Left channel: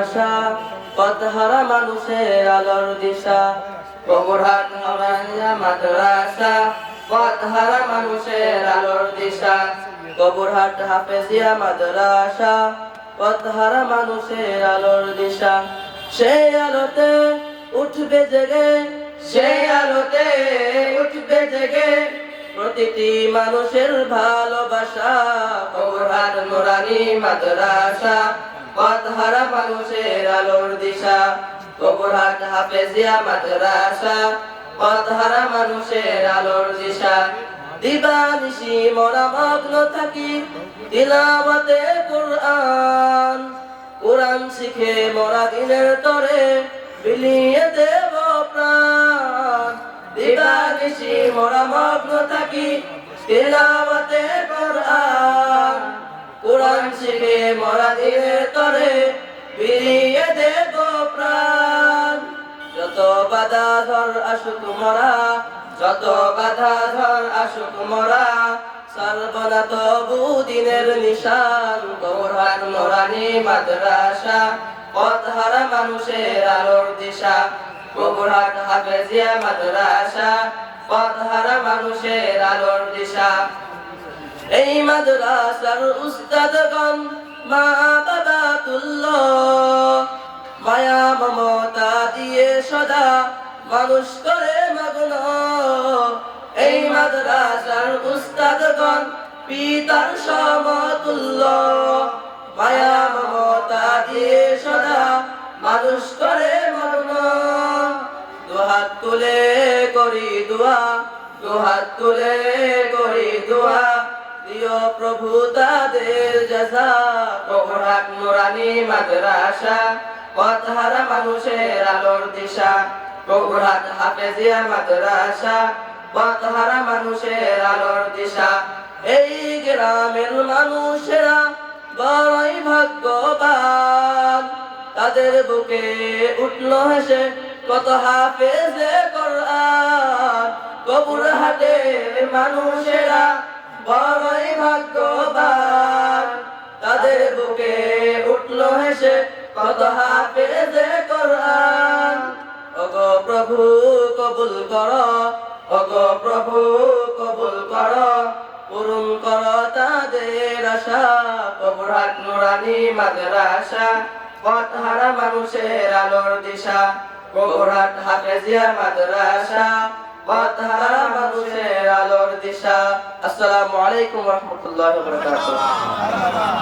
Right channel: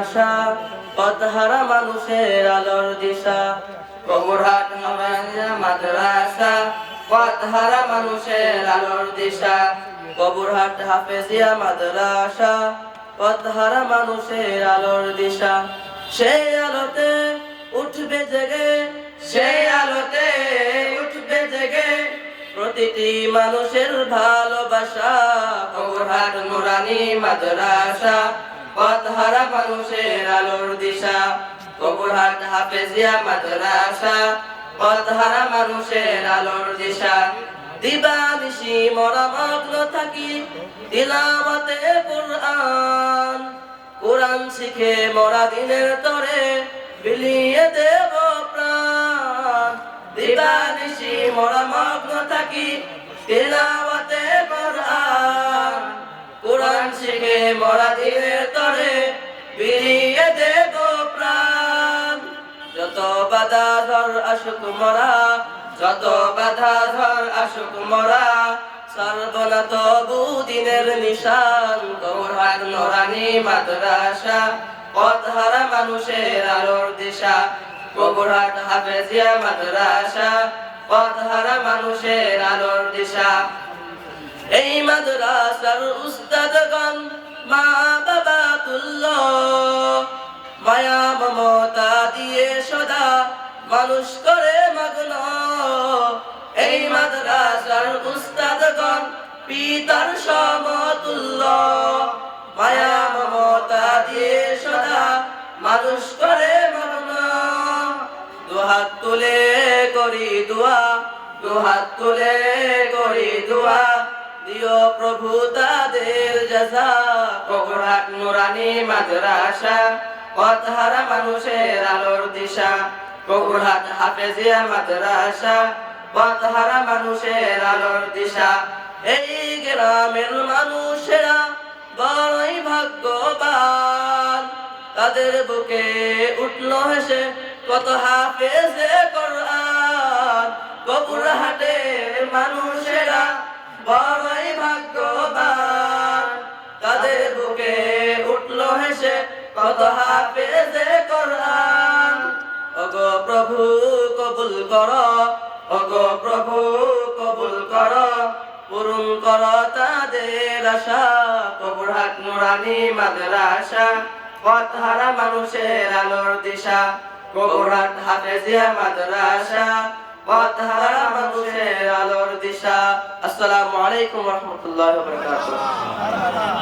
আশা, পথহারা মানুষের আলোর দিশা। কবুরহাট নুরানিয়া মাদ্রাসা, পথহারা মানুষের আলোর দিশা। কবুরহাট হাফেজিয়া মাদ্রাসা, পথহারা মানুষের আলোর দিশা। সেই আলোতে উঠবে জেগে, সেই আলোতে উঠবে জেগে প্রতিটি মানুষের ভালোবাসা। কবুরহাট নুরানি মাদ্রাসা, পথহারা মানুষের আলোর দিশা। কবুরহাট হাফেজিয়া মাদ্রাসা, পথহারা মানুষের আলোর দিশা। দিবানিশি মোরা মগ্ন থাকি তিলাওয়াতে কুরআন, কুরআন শিখে মোরা দিনের তরে বিলিয়ে দেব প্রাণ। দিবানিশি মোরা মগ্ন থাকি তিলাওয়াতে কুরআন, কুরআন শিখে মোরা দিনের তরে বিলিয়ে দেব প্রাণ। যত বাধা ঝড় আসুক মোরা, যত বাধা ঝড় আসুক মোরা, সর্বনা তবু দিনের নিশান। কবুরহাট নুরানি মাদ্রাসা, পথহারা মানুষের আলোর দিশা। কবুরহাট হাফেজিয়া মাদ্রাসা, পথহারা মানুষের আলোর দিশা। এই মাদ্রাসার উস্তাদগণ মা বাবা তুল্য, মায়া মমতা দিয়ে সদা মানুষ করে মগ্ন। এই মাদ্রাসার উস্তাদগণ পিতার সমতুল্য, মায়া মমতা দিয়ে সদা মানুষ করে মগ্ন। দুহাত তুলে করি দোয়া, দুহাত তুলে করি দোয়া, দিও প্রভু তাদের জাযা। কবুরহাট নুরানি মাদ্রাসা, পথহারা মানুষের আলোর দিশা। কবুরহাট হাফেজিয়া মাদ্রাসা, পথহারা মানুষের আলোর দিশা। এই গ্রামের মানুষেরা বড়ই ভাগ্যবান, তাদের বুকে উঠল হেসে কত হাফেজে কোরআন। কবুরহাটের মানুষেরা বড়ই ভাগ্যবান, তাদের বুকে উঠল হেসে কত হাফেজে কোরআন। ওগো প্রভু কবুল কর, ওগো প্রভু কবুল কর, পূরণ কর তাদের আশা। কবুরহাট নুরানি মাদ্রাসা, পথহারা মানুষের আলোর দিশা। কবুরহাট হাফেজিয়া মাদ্রাসা, পথহারা মানুষের আলোর দিশা। আসসালামু আলাইকুম ওয়া রাহমাতুল্লাহি ওয়া বারাকাতুহু।